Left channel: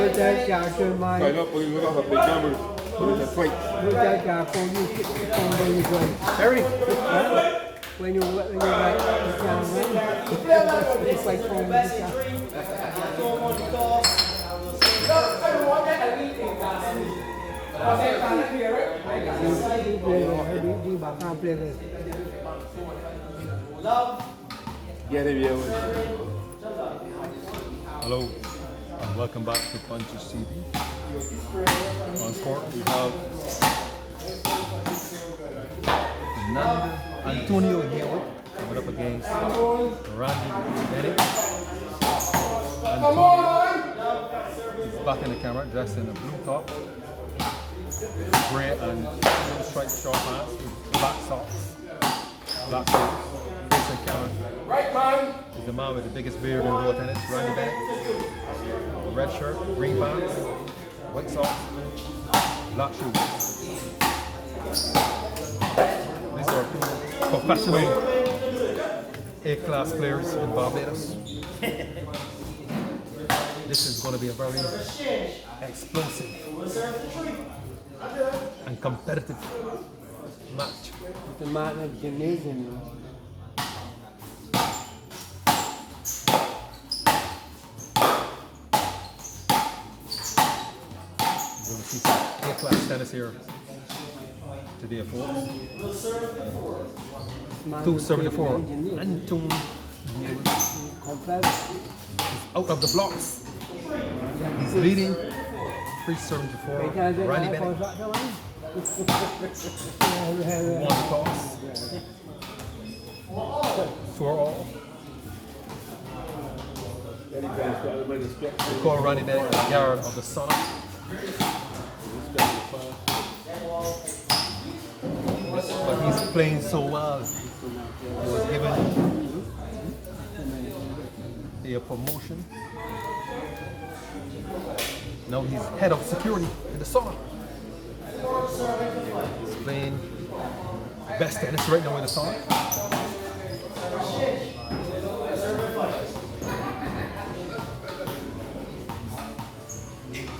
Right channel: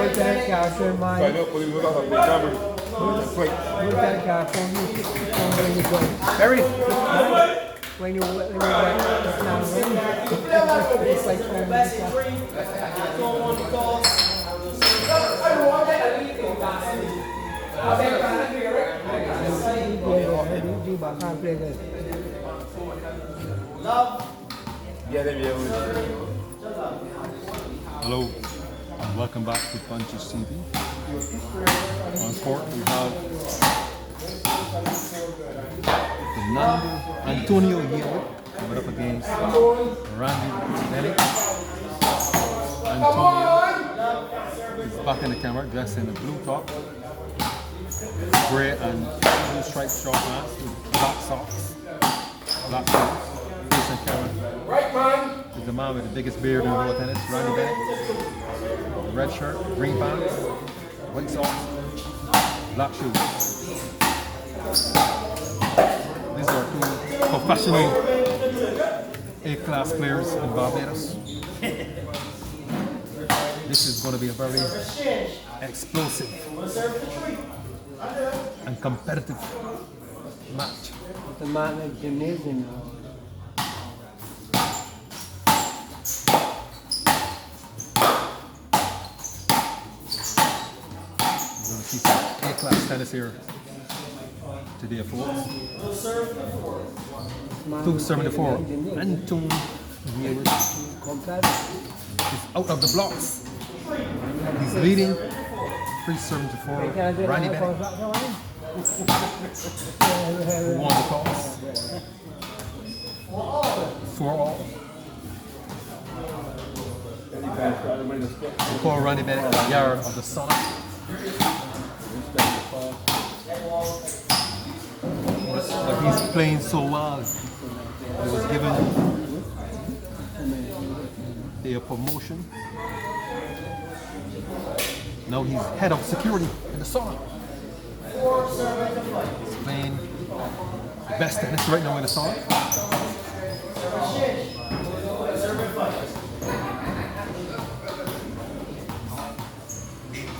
Put that character in mind. Right up, you look up the number. Put that character on you. When you go. Harry. When you it's like 20 minutes. Hello and welcome back to Punches TV. On court we have Antonio Harewood coming up against Randy Bennett. Antonio is back in the camera dressed in a blue top, grey and blue striped short pants with black socks, black shoes. Facing camera is the man with the biggest beard in road tennis, Randy Bennett. Red shirt, green pants, white socks, black shoes. These are two professional A-class players in Barbados. This is going to be a very explosive and competitive match. The man is amazing. We're going to see some A-class tennis here today, folks. 274. Anton Harewood is out of the blocks. He's leading 374. Randy Bennett, who won the toss. 4-all. They call Randy Bennett the yard of the Sauna. But he's playing so well. He was given a promotion. Now he's head of security in the Sauna. He's playing the best tennis right now in the Sauna.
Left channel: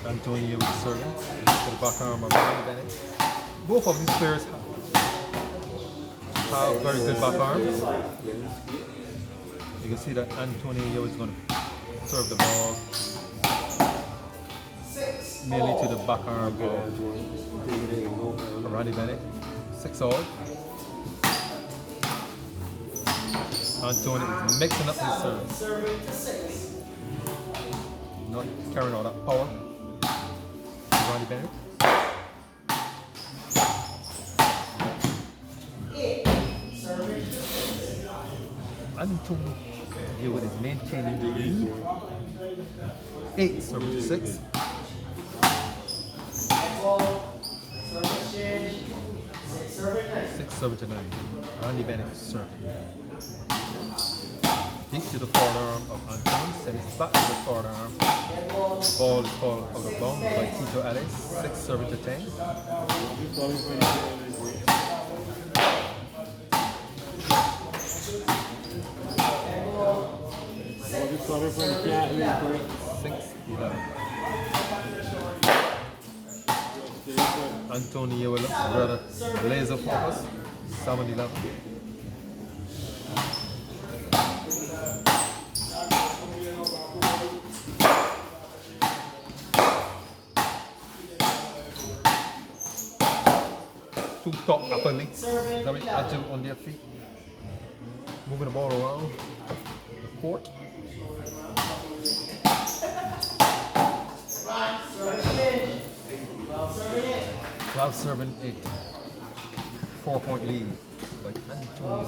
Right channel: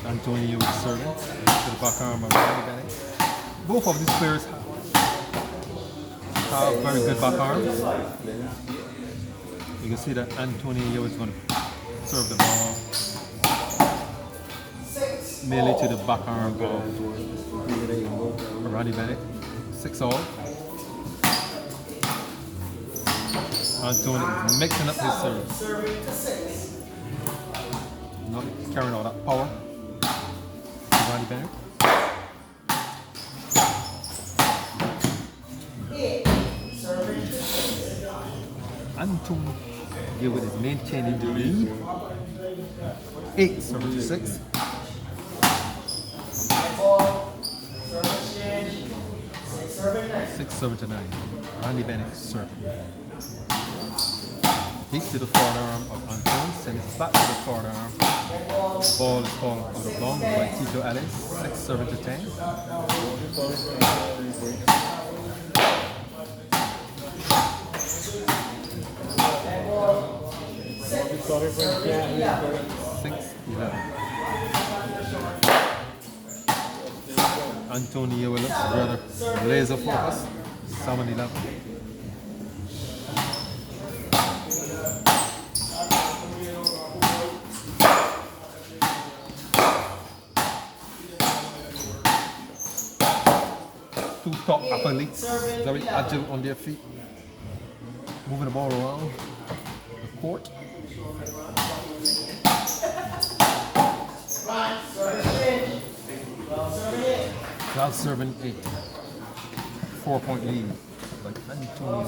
Antonio is serving to the back arm of Randy Bennett. Both of these players have very good back arms. You can see that Antonio is going to serve the ball nearly to the back arm of Randy Bennett. 6-all. Antonio is mixing up his serve. Not carrying all that power. Randy Bennett. Antonio Harewood is maintaining the lead. 8-6. 6-9. Randy Bennett serving. Deep to the forward arm of Anton, send it back to the forward arm. Ball is called out of bounds by Tito Ellis. 6-10. Antonio will look rather laser focused. 7-11. Two top athletes, very agile on their feet, moving the ball around the court. Now serving a 4-point lead by Antonio.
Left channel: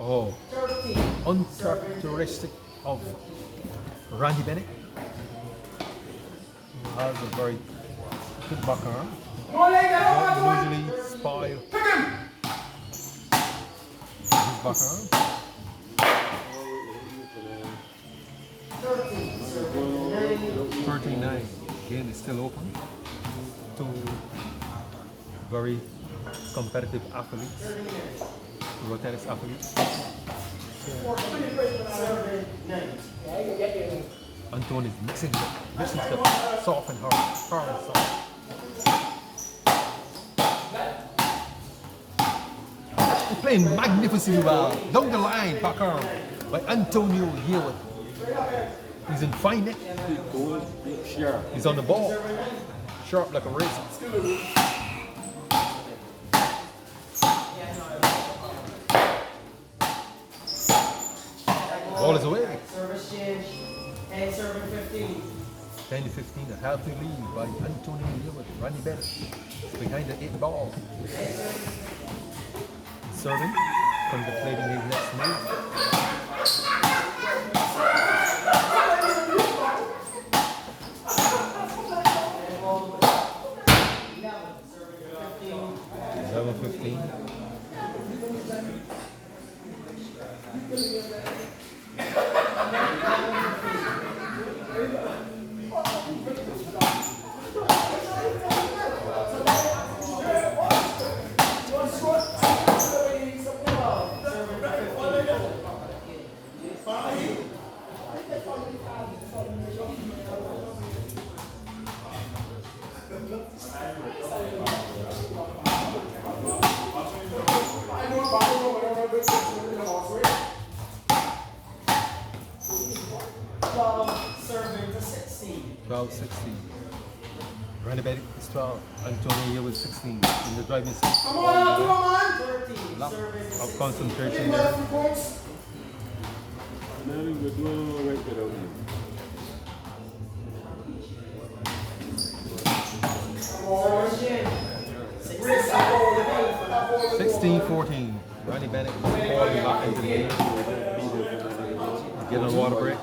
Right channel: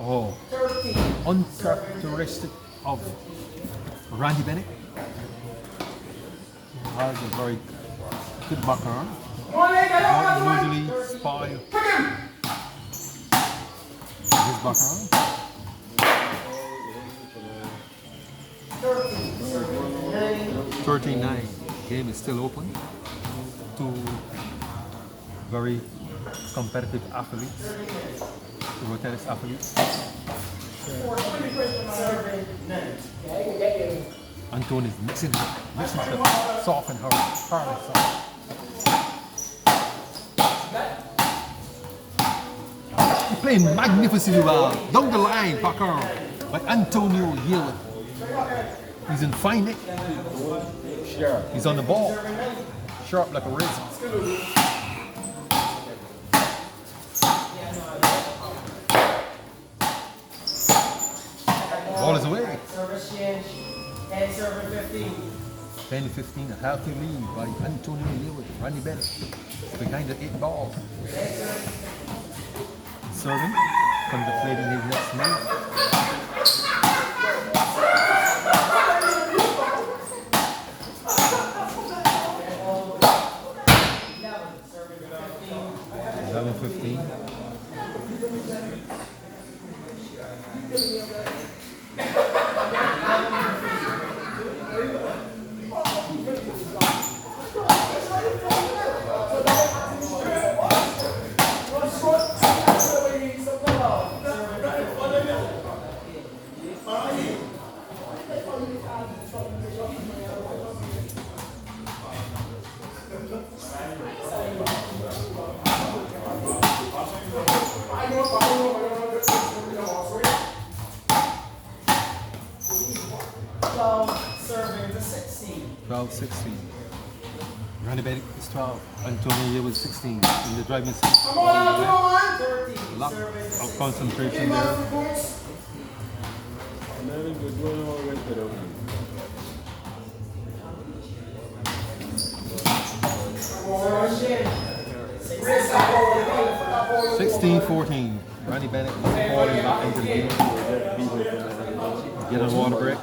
Oh, uncharacteristic of Randy Bennett. He has a very good back arm. Don't usually spoil his back arm. 13-9. Game is still open. Two very competitive athletes, table tennis athletes. Anthony's mixing stuff, soft and hard and soft. He's playing magnificently well. Down the line, back arm by Antonio Harewood. He's in fine nick. He's on the ball. Sharp like a razor. Ball is away. Service change. 10 serving 15. 10-15, a healthy lead by Antonio Harewood. Randy Bennett behind the 8 ball. Serving, contemplating his next move. Serving 15. Serving to 16. 12-16. Randy Bennett is 12. Antonio Harewood 16. In the driving seat. Lot of concentration there. Service change. 16-14. Randy Bennett falling back into the game. Get on water break.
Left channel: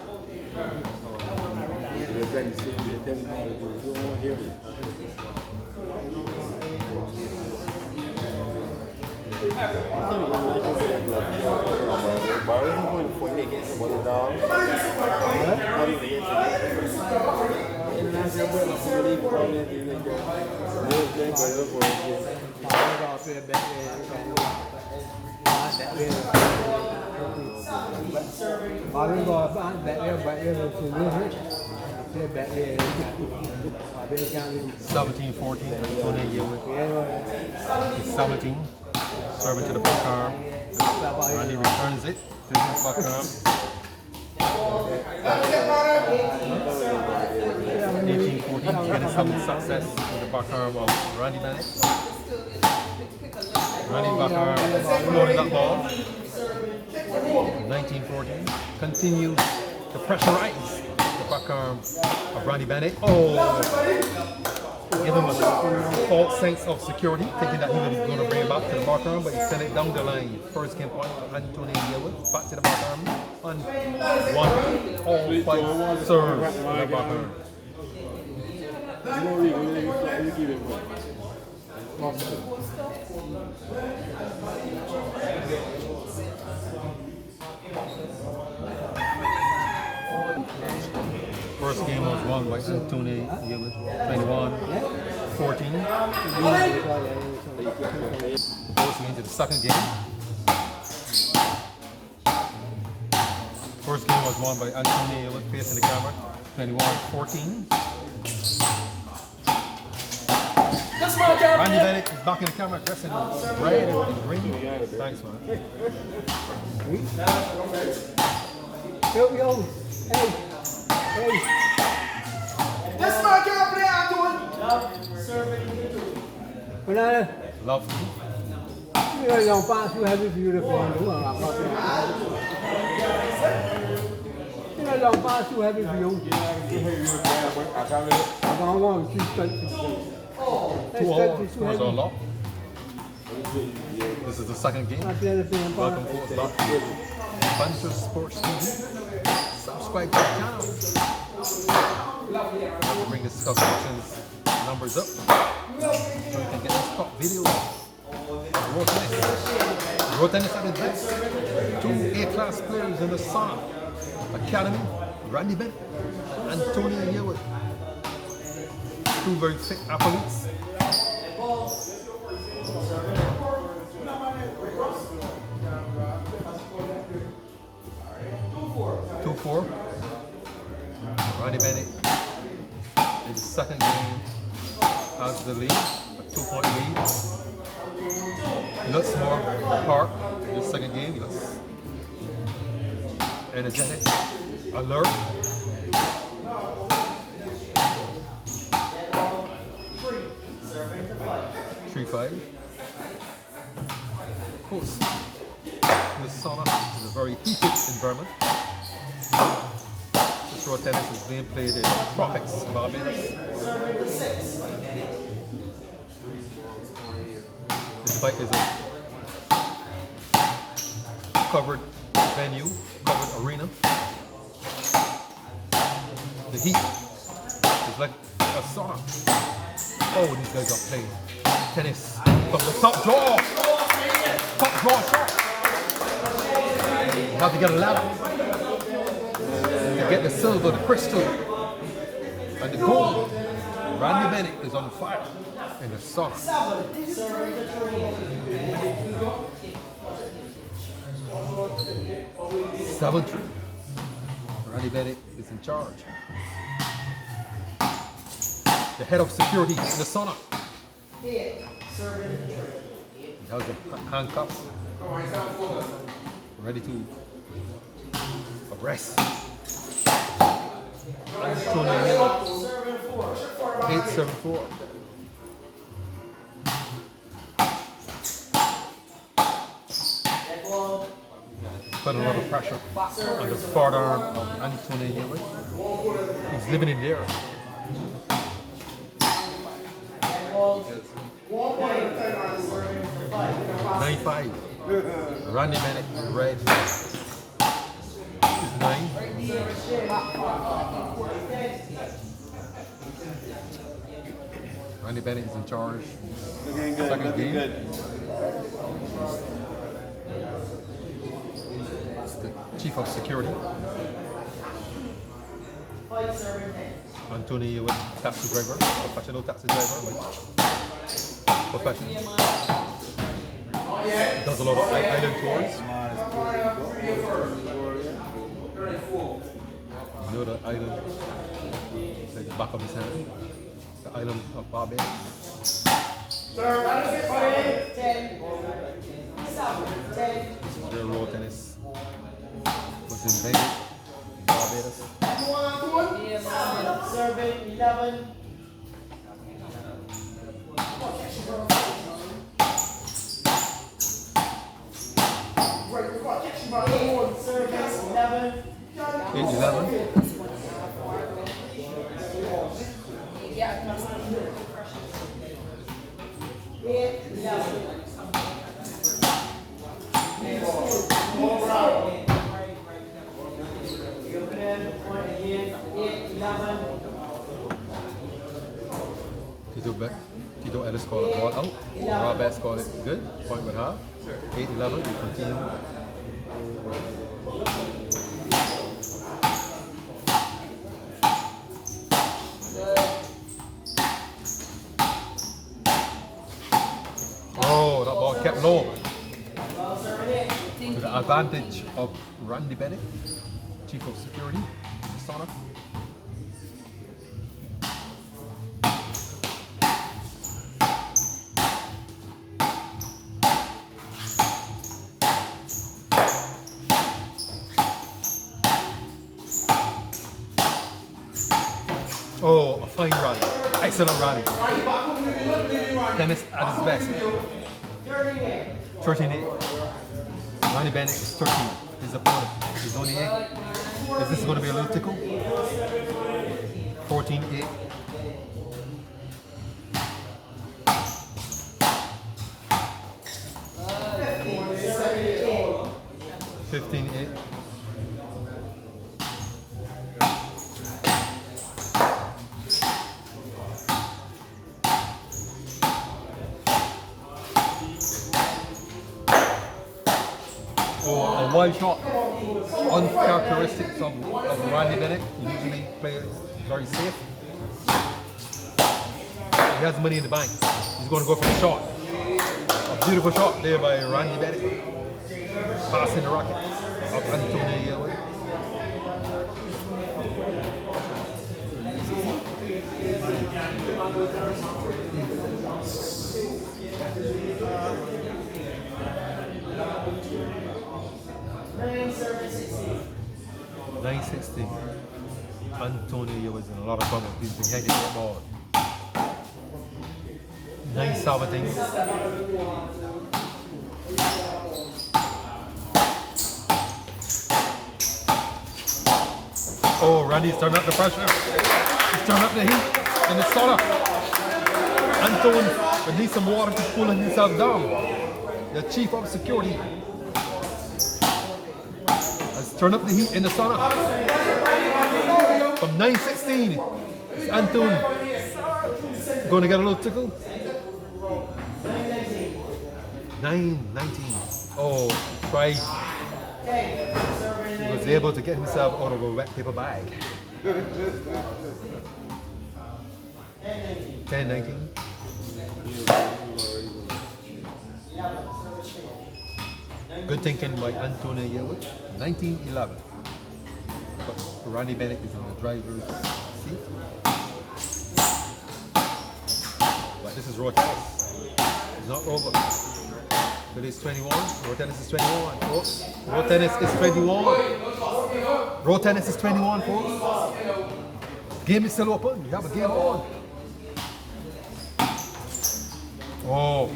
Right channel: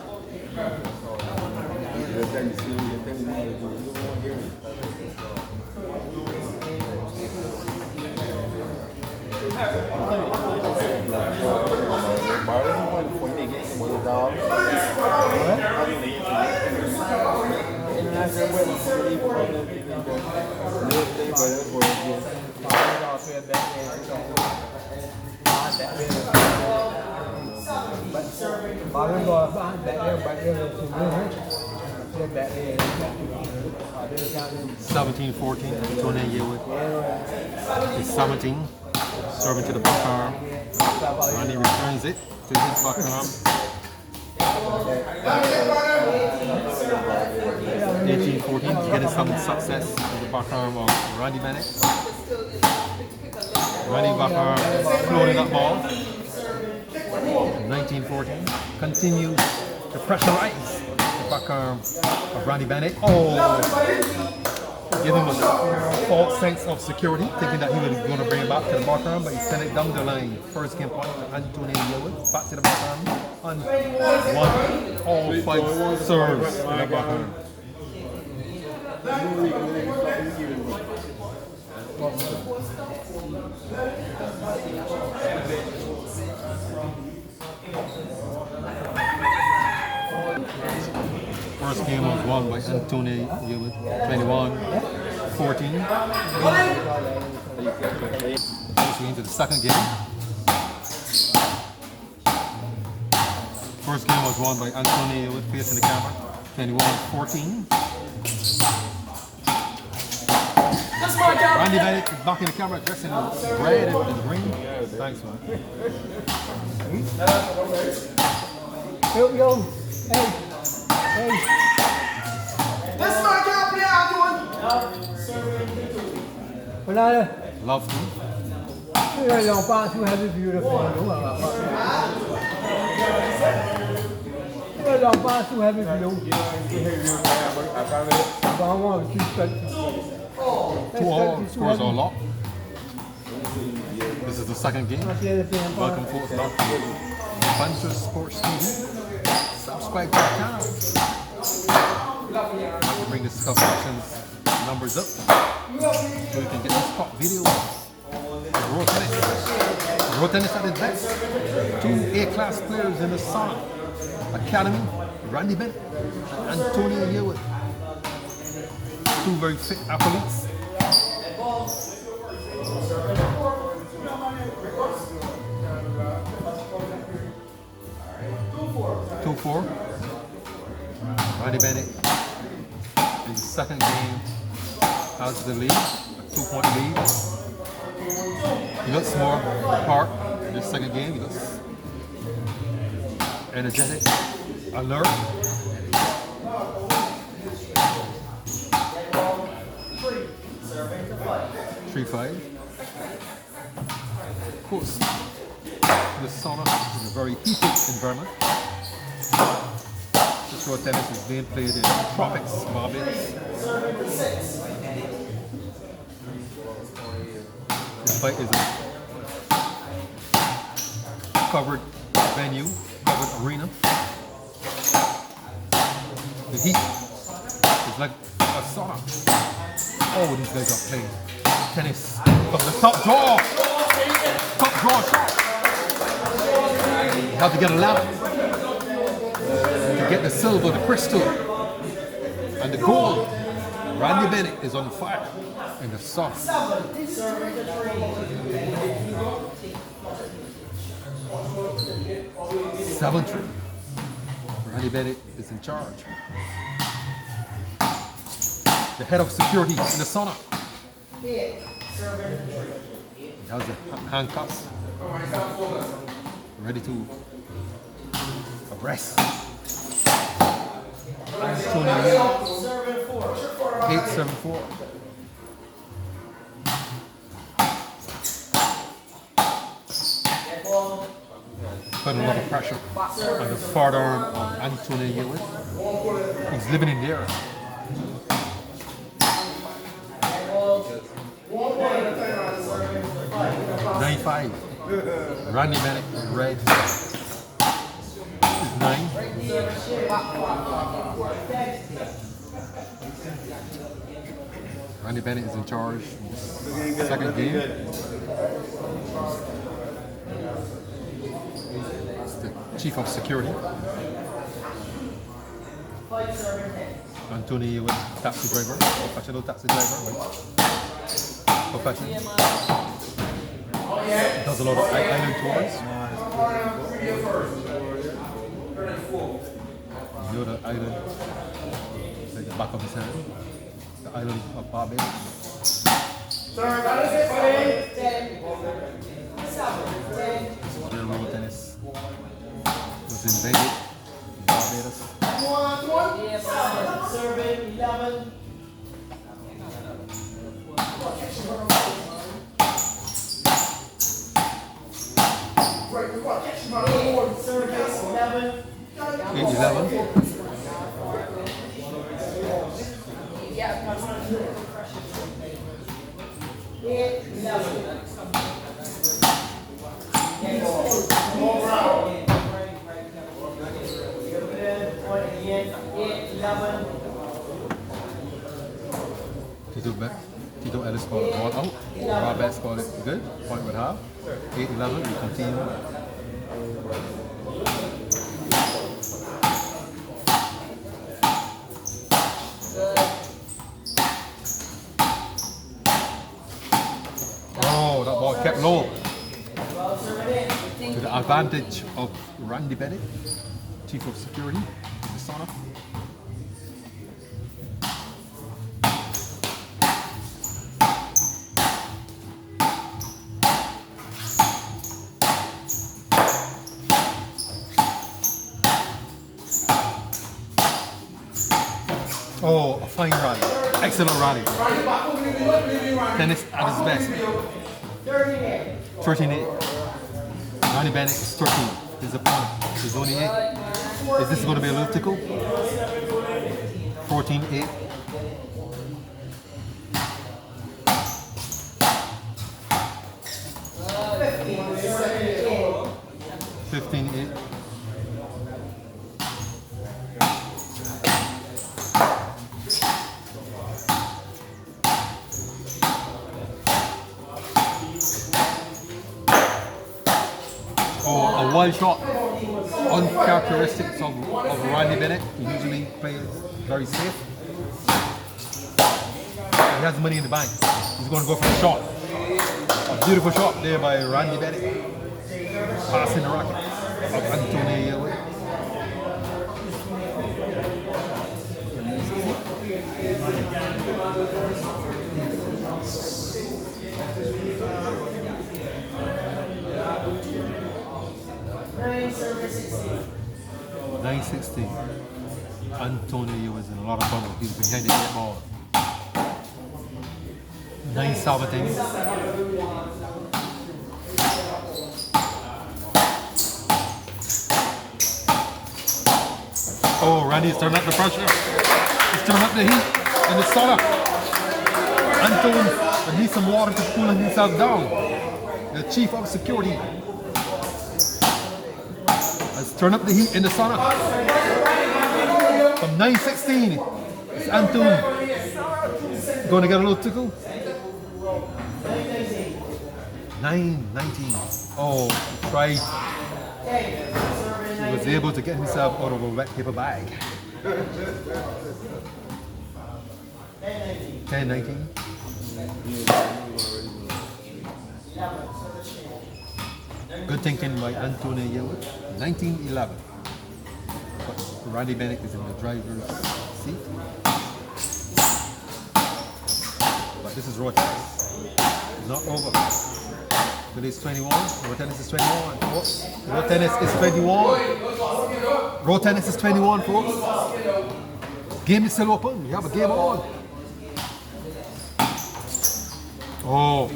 Bạn rồi bạn bẻ rồi cùng luôn hết. Bẻ 17-14. Antonio Harewood is 17. Serving to the back arm. Randy returns it to his back arm. 18-14. Getting some success in the back arm of Randy Bennett. Randy back arm floating that ball. 19-14. Continues to pressurize the back arm of Randy Bennett. Oh! Give him a false sense of security, thinking that he was going to bring it back to the back arm, but he sent it down the line. First game point to Antonio Harewood, back to the back arm, and all 5 serves in the back arm. First game was won by Antonio Harewood, 21-14. Going into the second game. First game was won by Antonio Harewood, facing the camera, 21-14. Randy Bennett is back in the camera, dressed in red and green. Thanks, man. Yo, hey. This is my job, yeah, I'm doing. Bữa nay đây, Love you. cái dòng ba chú hai mươi view được rồi đúng không ạ? Cái dòng ba chú hai mươi view. Còn ngon chú cần. 2-all, scores are locked. This is the second game. Welcome folks back to Banter Sports TV. Subscribe to the channel. I have to bring the subscriptions numbers up so you can get these top videos. Road tennis at its best. 2 A-class players in the Sauna Academy, Randy Bennett and Antonio Harewood. 2 very fit athletes. Two four. Randy Bennett in the second game has the lead, a 2-point lead. He looks more apart in the second game. He looks energetic, alert. 3-5. Of course, the sauna is a very heated environment. This road tennis is being played in tropics, Barbados. This fight is a covered venue, covered arena. The heat is like a sauna. Oh, these guys are playing tennis from the top draw. Top draw shot. You have to get a ladder to get the silver, the crystal, and the gold. Randy Bennett is on fire in the sauna. 7-3. Randy Bennett is in charge. The head of security in the sauna. He has the handcuffs ready to arrest. Antonio 8-7-4. Put a lot of pressure on the forward arm of Antonio. He's living in there. 9-5. Randy Bennett in red is 9. Randy Bennett is in charge. Second game. It's the chief of security. Antonio with taxi driver, professional taxi driver. Professional. Does a lot of island tours. You know the island, like the back of his hand. The island of Barbados. This is where road tennis was invented in Barbados. Serving 11. Service 11. 8-11. Tito Ellis called it ball out. Roberts called it good. Point with half. 8-11. We continue. Oh, that ball kept low. To the advantage of Randy Bennett, chief of security in the sauna. Oh, a fine rally. Excellent rally. Tennis at his best. 13-8. Randy Bennett is 13. His opponent is only 8. Is this going to be a little tickle? 14-8. Wild shot, uncharacteristic of Randy Bennett. He usually plays very safe. He has money in the bank. He's going to go for the shot. A beautiful shot there by Randy Bennett. Passing the racket of Antonio. 9-16. Antonio was in a lot of fun. He's behind the 8 ball. 9-17. Oh, Randy's turning up the pressure. He's turning up the heat in the sauna. Anton needs some water to cool himself down. The chief of security has turned up the heat in the sauna. From 9-16, it's Anton going to get a little tickle. 9-19. Oh, he tried. He was able to get himself out of a wet paper bag. 10-19. Good thinking by Antonio Harewood. 19-11. But Randy Bennett is in the driver's seat. But this is raw tennis. It's not over. But it's 21. Raw tennis is 21, folks. Raw tennis is 21. Raw tennis is 21, folks. Game is still open. We have a game on. Oh.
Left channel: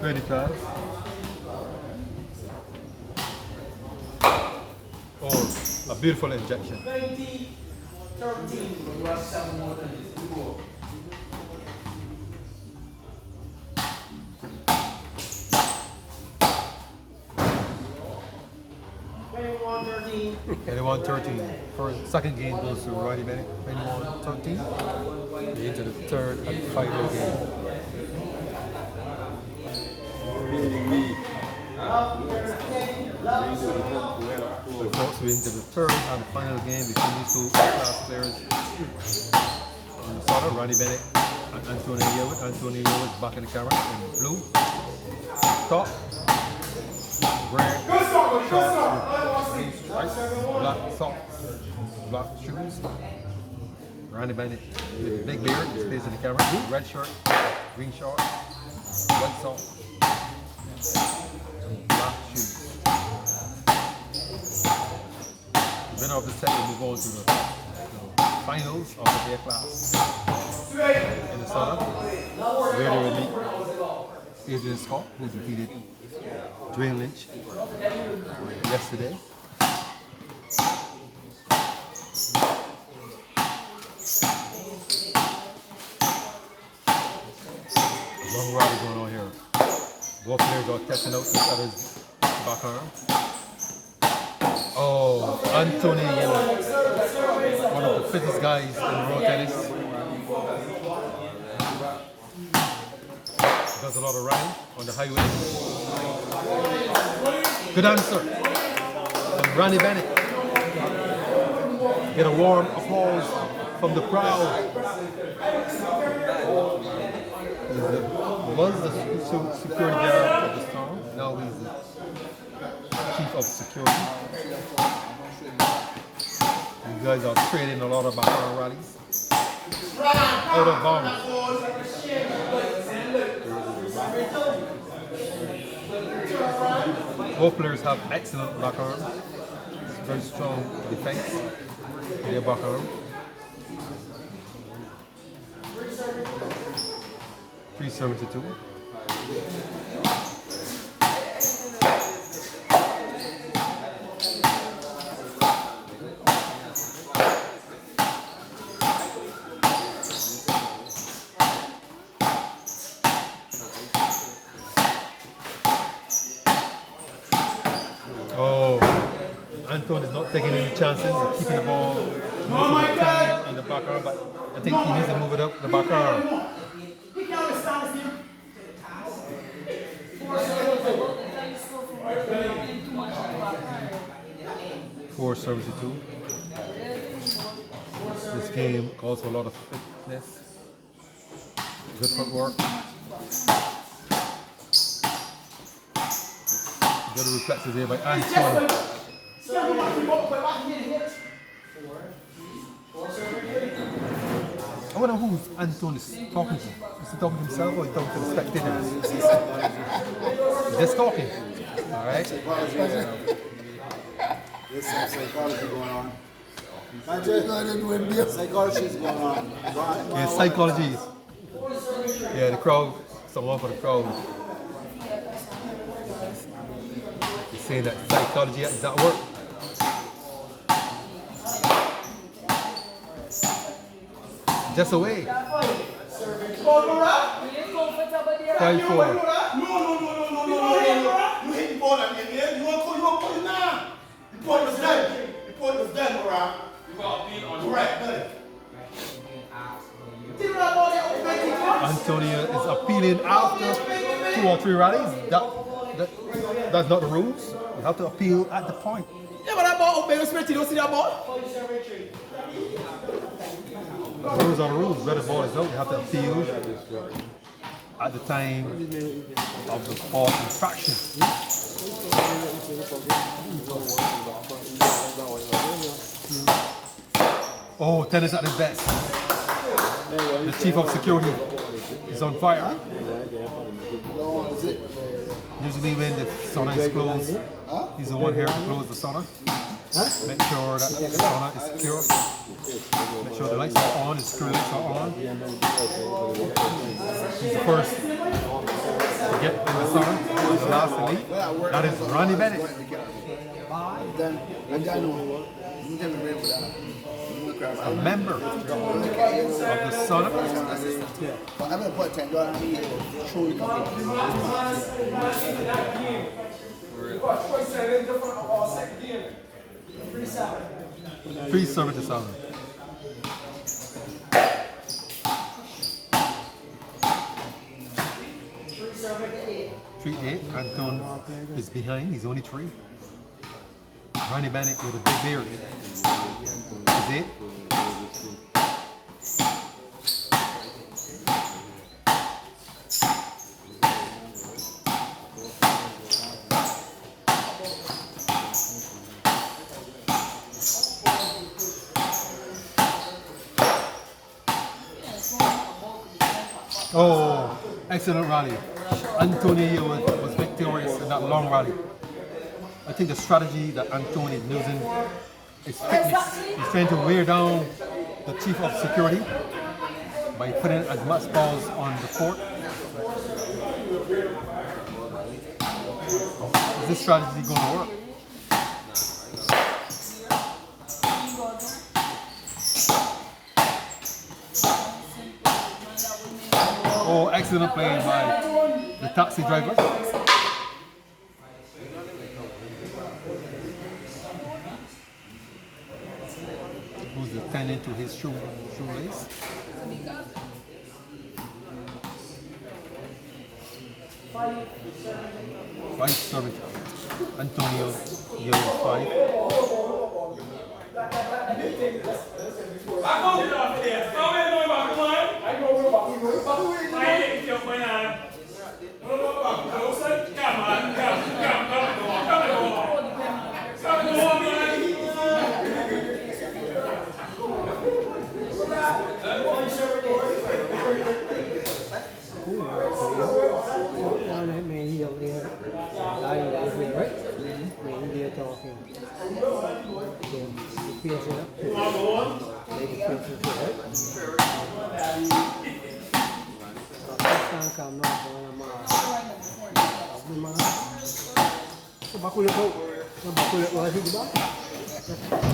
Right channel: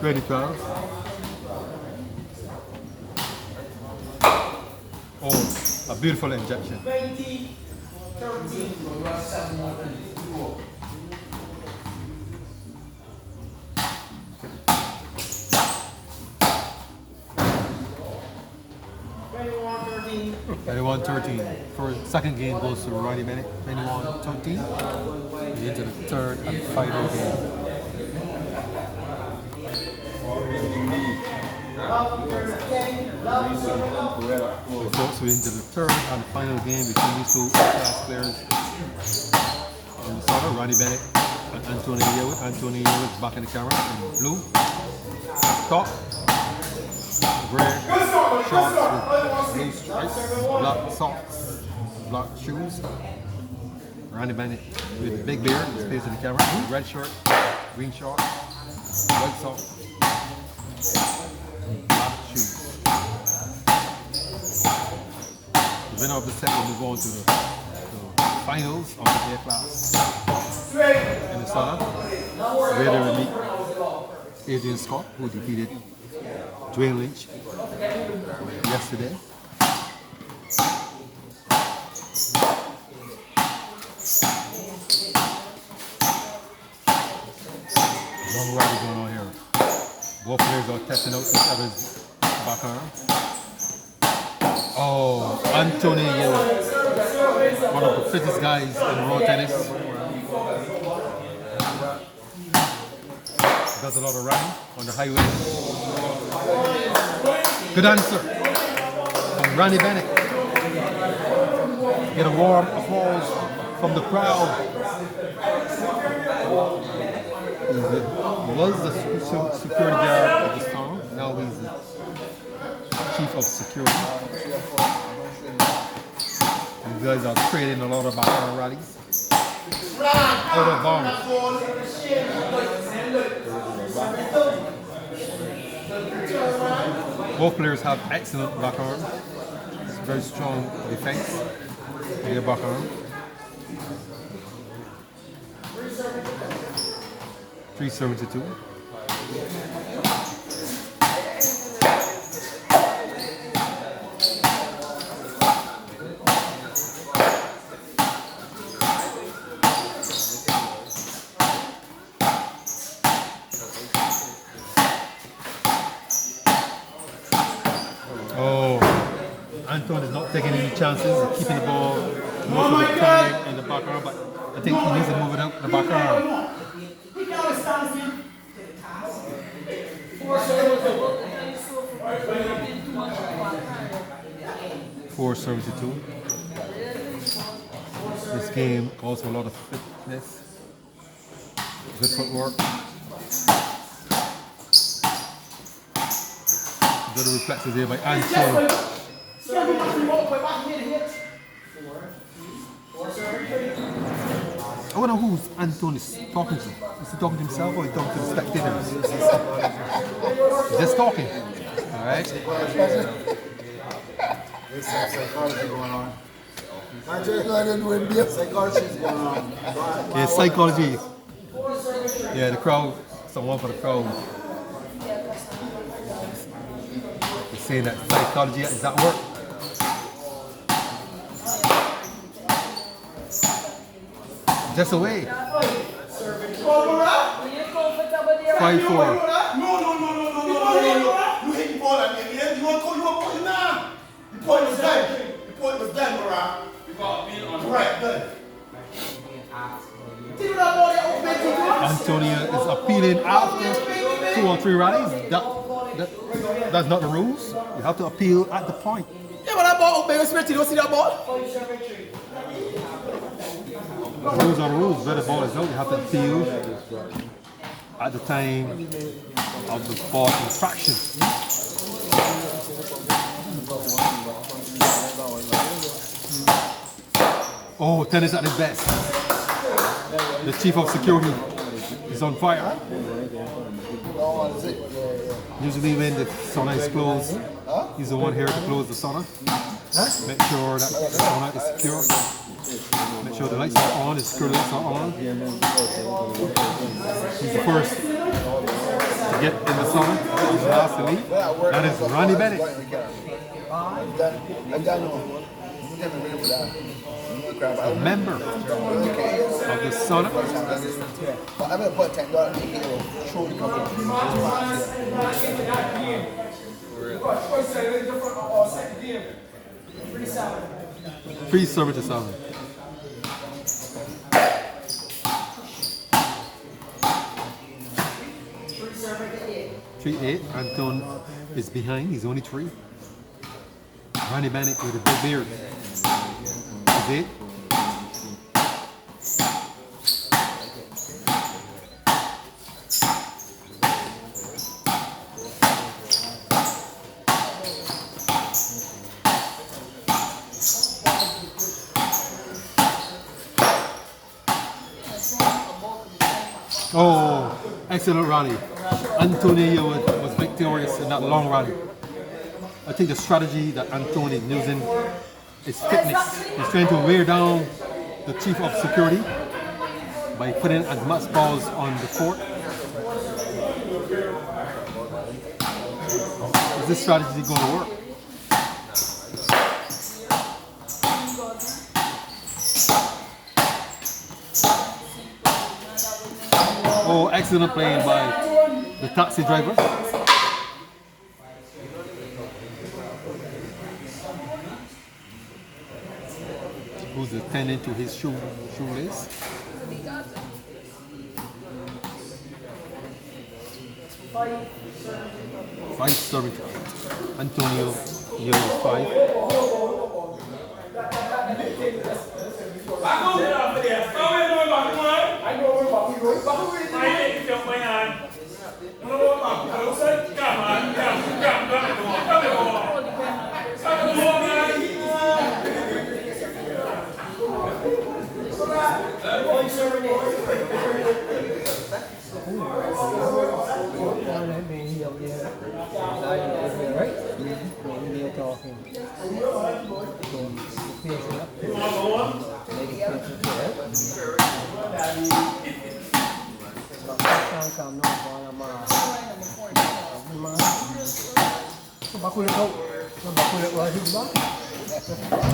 2012. Oh, a beautiful injection. 20-13. 21-13. For second game goes to Randy Bennett. 21-13. We're into the third and final game. So folks, we're into the third and final game between these two class players. In the sauna, Randy Bennett and Antonio Harewood. Antonio Harewood is back in the camera in blue. Top. Gray shorts with blue stripes, black socks, black shoes. Randy Bennett with the big beard, his face in the camera. Red shirt, green shorts, white socks, black shoes. The winner of the set will move on to the finals of the Aclass in the sauna, where they will meet Adrian Scott, who defeated Dwayne Lynch yesterday. Long rally going on here. Both players are testing out each other's back arm. Oh, Antonio Harewood, one of the fittest guys in raw tennis. Does a lot of running on the highway. Good answer from Randy Bennett. Get a warm applause from the crowd. He was the security guard of the sauna. Now he's the chief of security. These guys are trading a lot of background rallies. Out of bounds. Both players have excellent back arms. Very strong defense in their back arm. 372. Anton is not taking any chances. He's keeping the ball most of the time in the back arm, but I think he needs to move it out the back arm. 472. This game calls for a lot of fitness, good footwork, good reflexes here by Anton. I wonder who Anton is talking to. Is he talking to himself or is he talking to the spectators? He's just talking. Alright. There's some psychology going on. Psychology is going on. Yeah, psychology. Yeah, the crowd, someone for the crowd. He's saying that psychology is at work. Just away. 5-4. You hit the ball at the end. You want to now. The point was done. The point was done, Mara. You got to be on right, done. Antonio is appealing after 2 or 3 rallies. That's not the rules. You have to appeal at the point. Yeah, but that ball, you don't see that ball? The rules are the rules. Where the ball is out, you have to appeal at the time of the ball infraction. Oh, tennis at his best. The chief of security is on fire. Usually when the sauna is closed, he's the one here to close the sauna. Make sure that the sauna is secure. Make sure the lights are on, the security lights are on. He's the first to get in the sauna, and the last to leave. That is Ronnie Bennett. A member of the sauna. Free service to sauna. 3-8. Anton is behind. He's only 3. Ronnie Bennett with a big beard. Is 8. Oh, excellent rally. Antonio was victorious in that long rally. I think the strategy that Antonio is using is fitness. He's trying to wear down the chief of security by putting as much balls on the court. Is this strategy going to work? Oh, excellent play by the taxi driver. Who's attending to his shoelace. Five serving. Antonio yellow 5.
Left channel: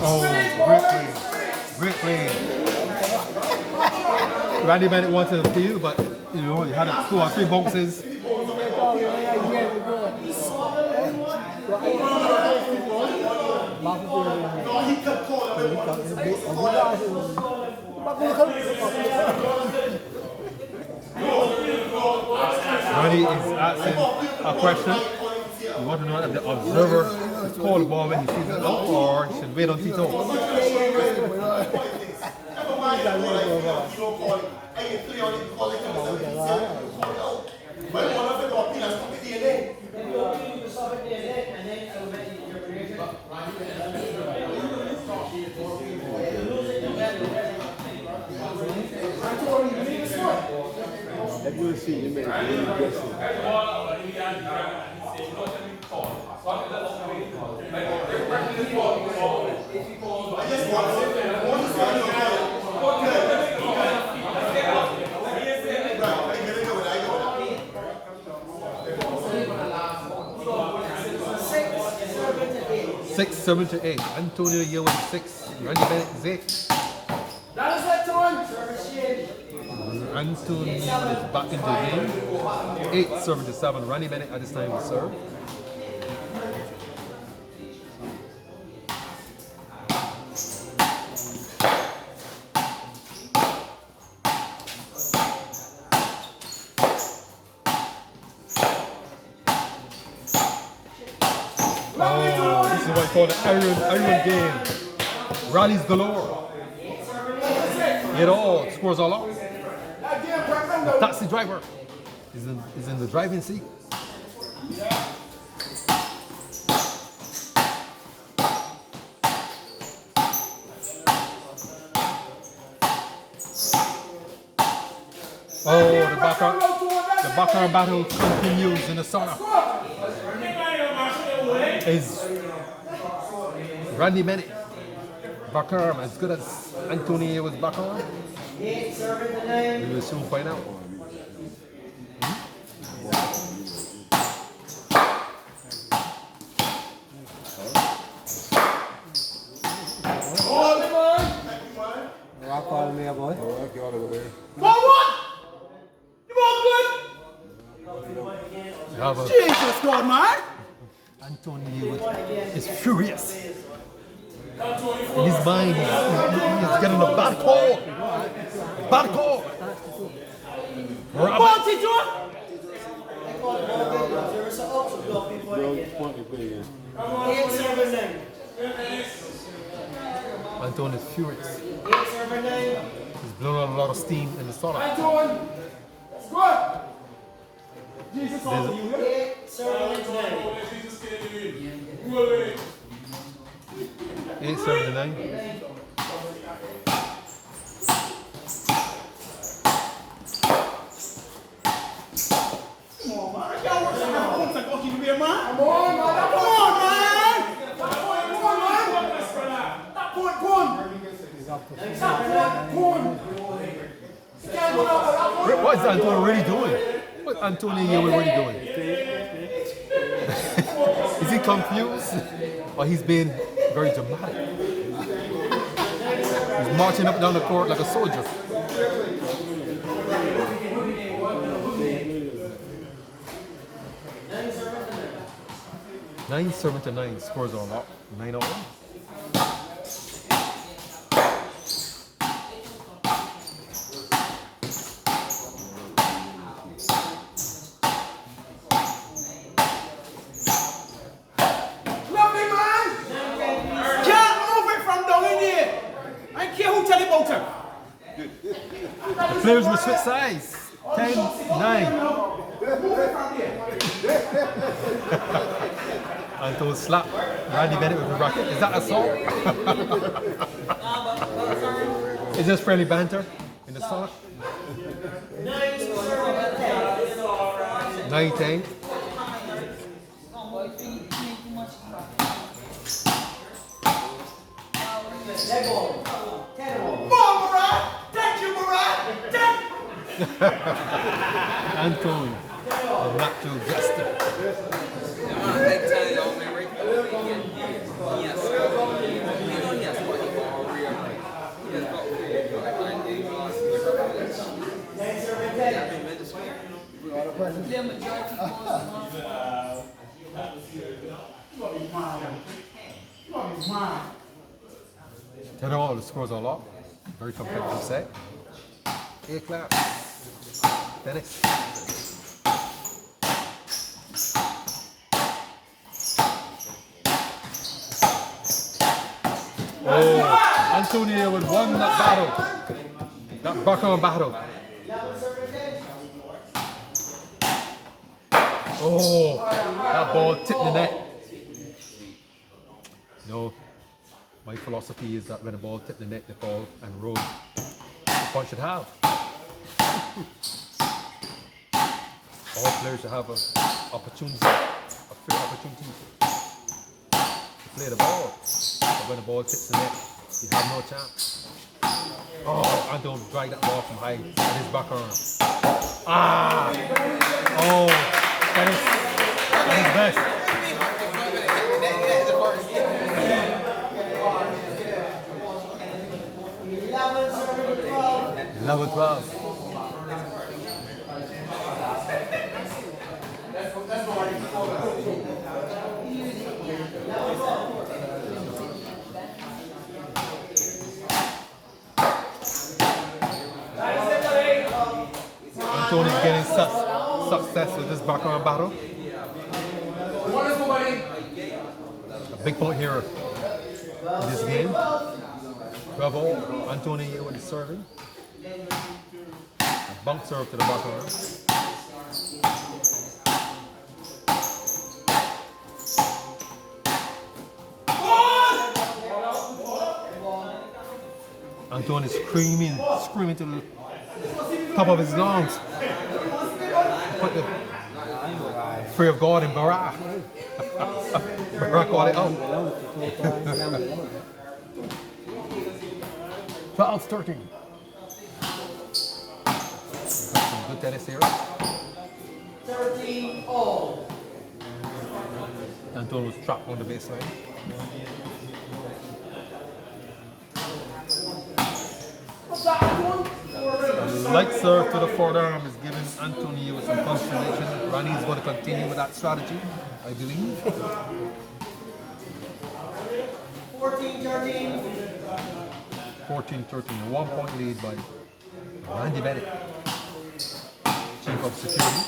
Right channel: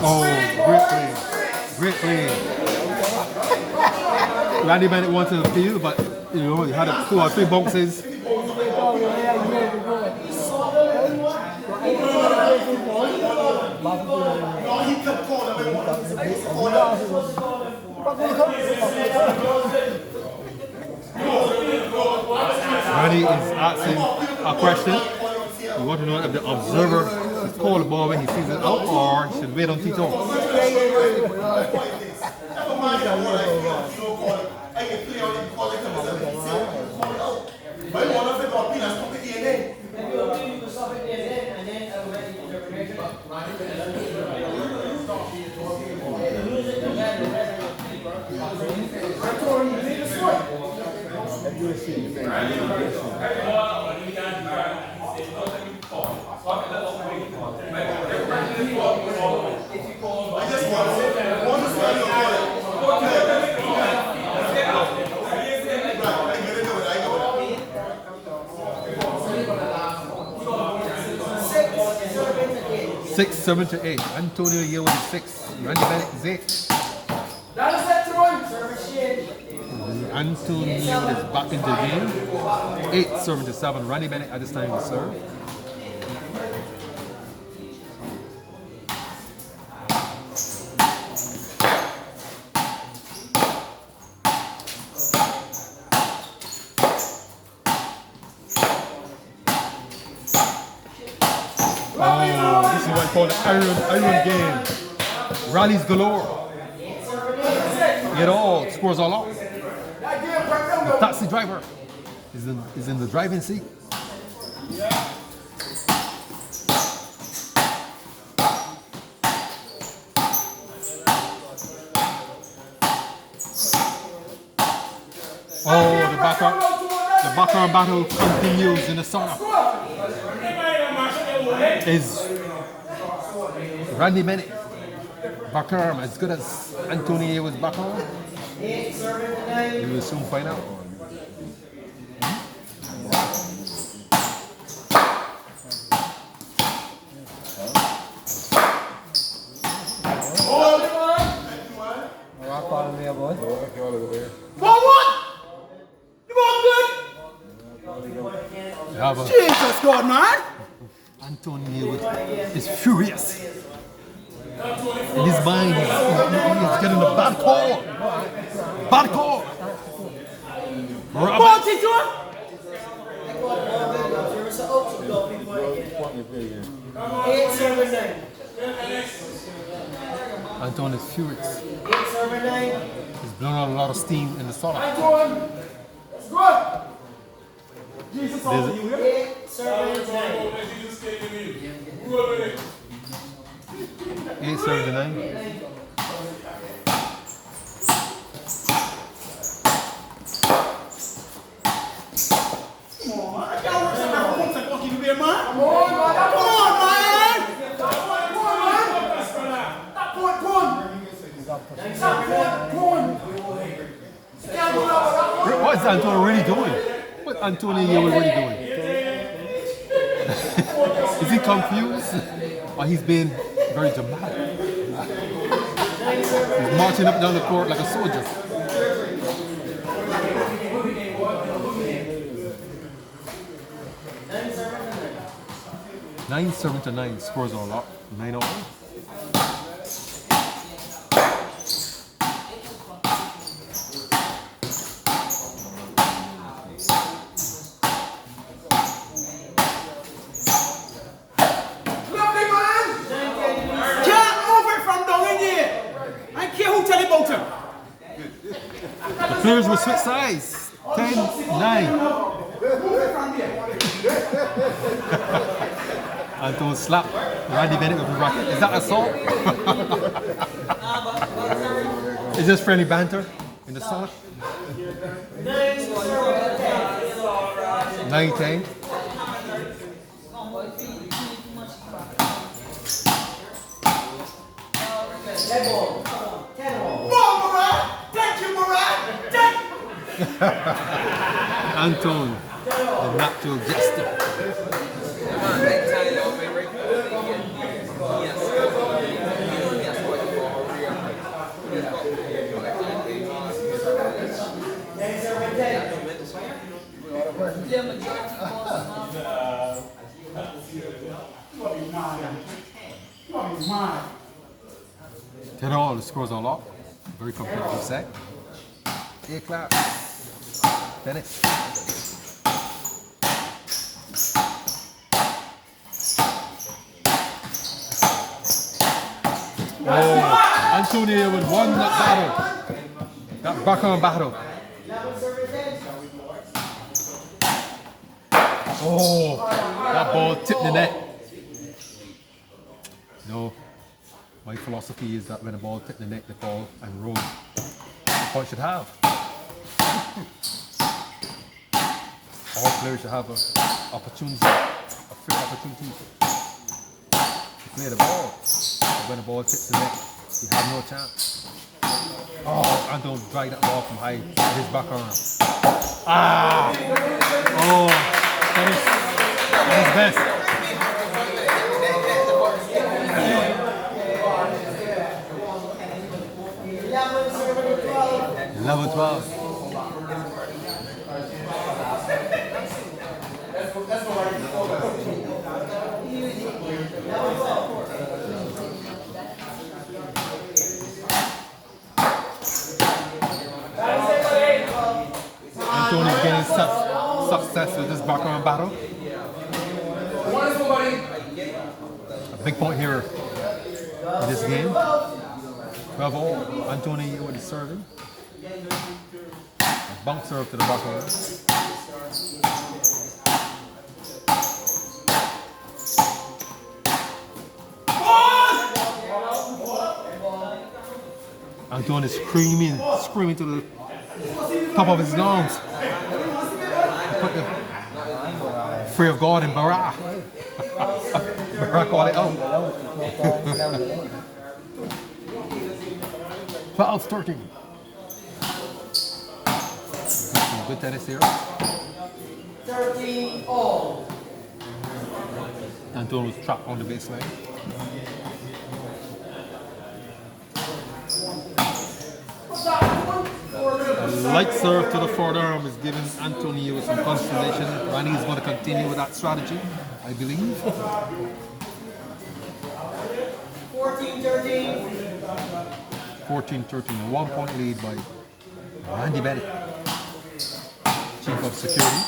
Oh, great play. Great play. Randy Bennett wanted to appeal, but you know, he had 2 or 3 boxes. Randy is asking a question. We want to know if the observer is called the ball when he sees it out, or he should wait until he talks. just want to say you call it. Six, 7 to 8. Antonio here with 6. Randy Bennett is 8. Antonio is back in the game. 8 serving to 7. Randy Bennett at this time will serve. Oh, this is what I call the iron game. Rallies galore. Get all, scores all out. The taxi driver is in the driving seat. Oh, the background battle continues in the sauna. Is Randy Bennett backarm as good as Antonio was backarm? We will soon find out. Rock on there, boy. We have a Jesus God, man. Antonio is furious. In his mind, he's getting a bad call. Bad call. Robert. Anton is furious. He's blown out a lot of steam in the sauna. Jesus, There's a- 8 7 to 9. What is Antonio really doing? What Antonio here really doing? Is he confused? Or he's being very dramatic? He's marching up down the court like a soldier. Nine 7 to 9 scores on lock. 9-0. The players will switch sides. 10-9. Anton slap Randy Bennett with a racket. Is that assault? Is this friendly banter in the sauna? 9-10. Anton, the natural jester. Ten all, the scores are locked. Very competitive set. Aclass. Bennett. Oh, Antonio would won that battle. That backhand battle. Oh, that ball tipped the net. No, my philosophy is that when a ball tipped the net, they fall and roll. The point should have. All players should have a fair opportunity to play the ball. when the ball hits the net, you have no chance. Oh, Anton dragged that ball from high with his back arm. Ah! Oh, that is best. 11-12. Anthony's getting success with this background battle. A big point here in this game. 12-all. Anthony with the serving. A bunk serve to the backhand. Anthony is screaming to the top of his lungs. Put the fear of God in Barra. Barra called it out. 12-13. Some good tennis here. 13-all. Anton was trapped on the baseline. A light serve to the forearm is giving Antonio some consternation. Randy is going to continue with that strategy, I believe. 14-13. 14-13, a 1-point lead by Randy Bennett, Chief of Security.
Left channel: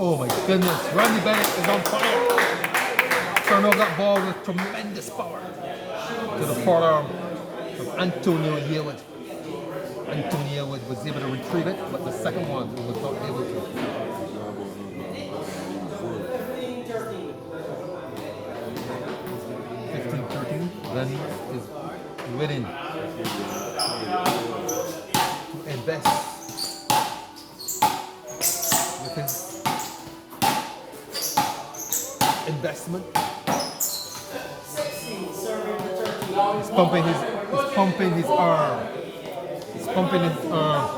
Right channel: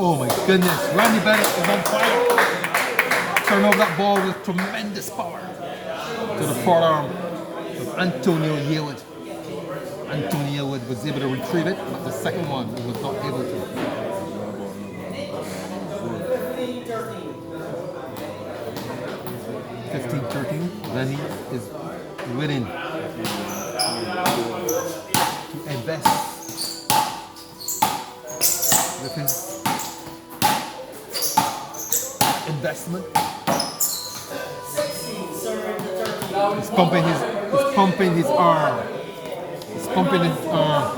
Oh my goodness, Randy Bennett is on fire. Turn off that ball with tremendous power to the forearm of Antonio Harewood. Antonio Harewood was able to retrieve it, but the second one he was not able to. 15-13. Randy is winning to invest with his investment. He's pumping his arm. He's pumping his arm.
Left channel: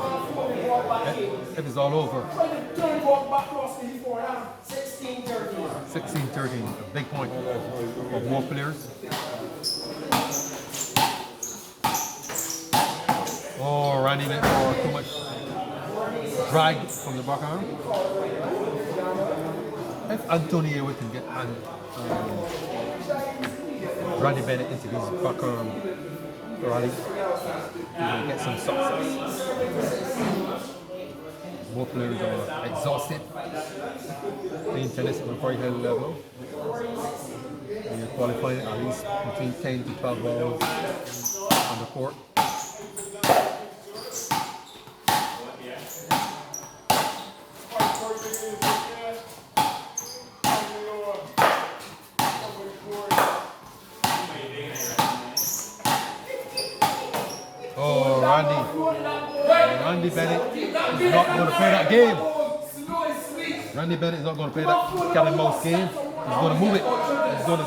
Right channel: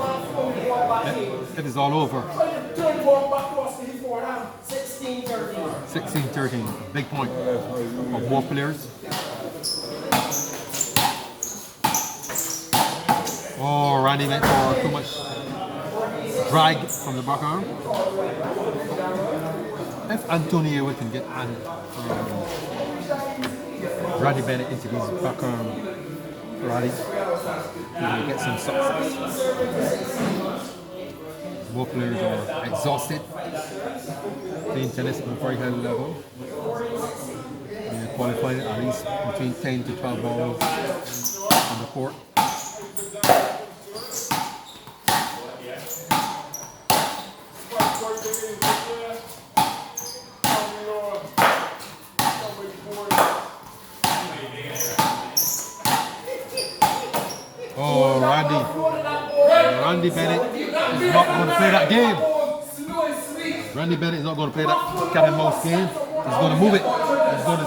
It is all over. 16-13. A big point for both players. Oh, Randy went for too much drag from the back arm. If Antonio can get Randy Bennett into his back arm rally, he will get some success. Both players are exhausted, playing tennis at a very high level. They are qualifying at least between 10 to 12 balls on the court. Oh, Randy Bennett is not going to play that game. Randy Bennett is not going to play that cat and mouse game. He's going to move it. He's going to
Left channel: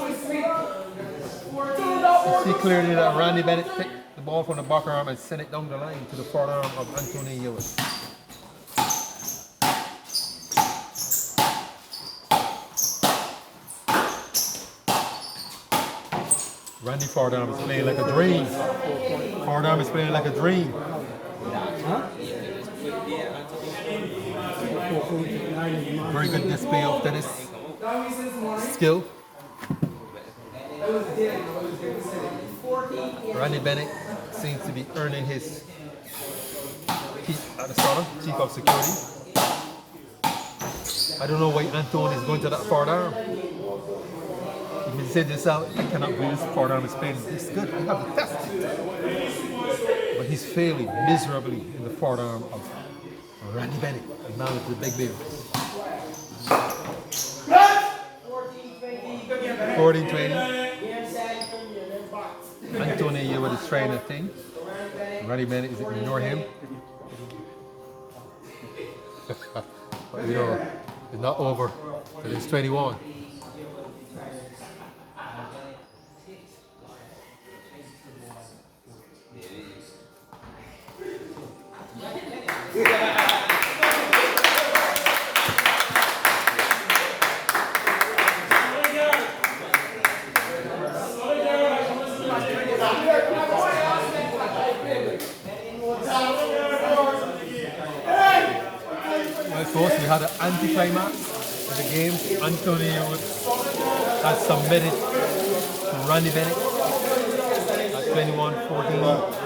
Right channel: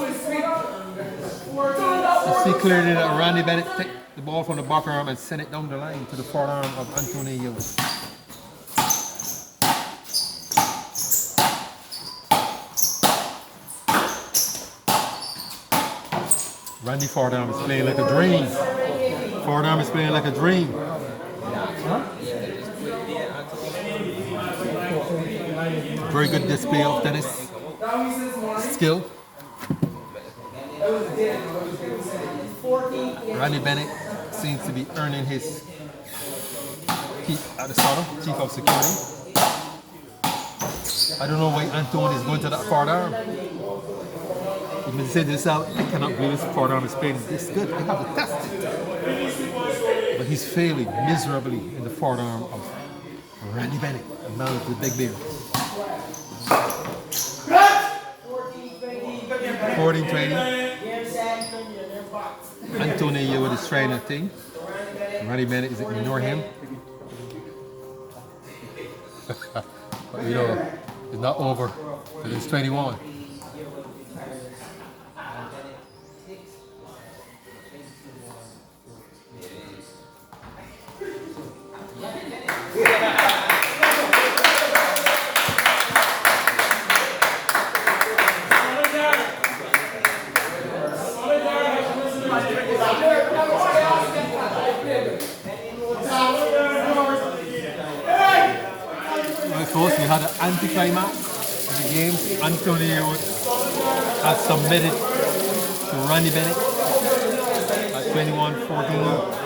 see clearly that Randy Bennett take the ball from the back arm and send it down the line to the forearm of Anthony Harewood. Randy forearm is playing like a dream. Forearm is playing like a dream. Very good display of tennis skill. Randy Bennett seems to be earning his keep at the Sauna, Chief of Security. I don't know why Anton is going to that forearm. He may say this out, I cannot believe this forearm is playing this good. I have to test it. But he's failing miserably in the forearm of Randy Bennett, a man with the big beard. 14-20. his trainer thing. Randy Bennett is ignore him. But you know, it's not over till it's 21. Folks, we had an anticlimax of the game. Anthony Harewood has submitted to Randy Bennett at 21-14.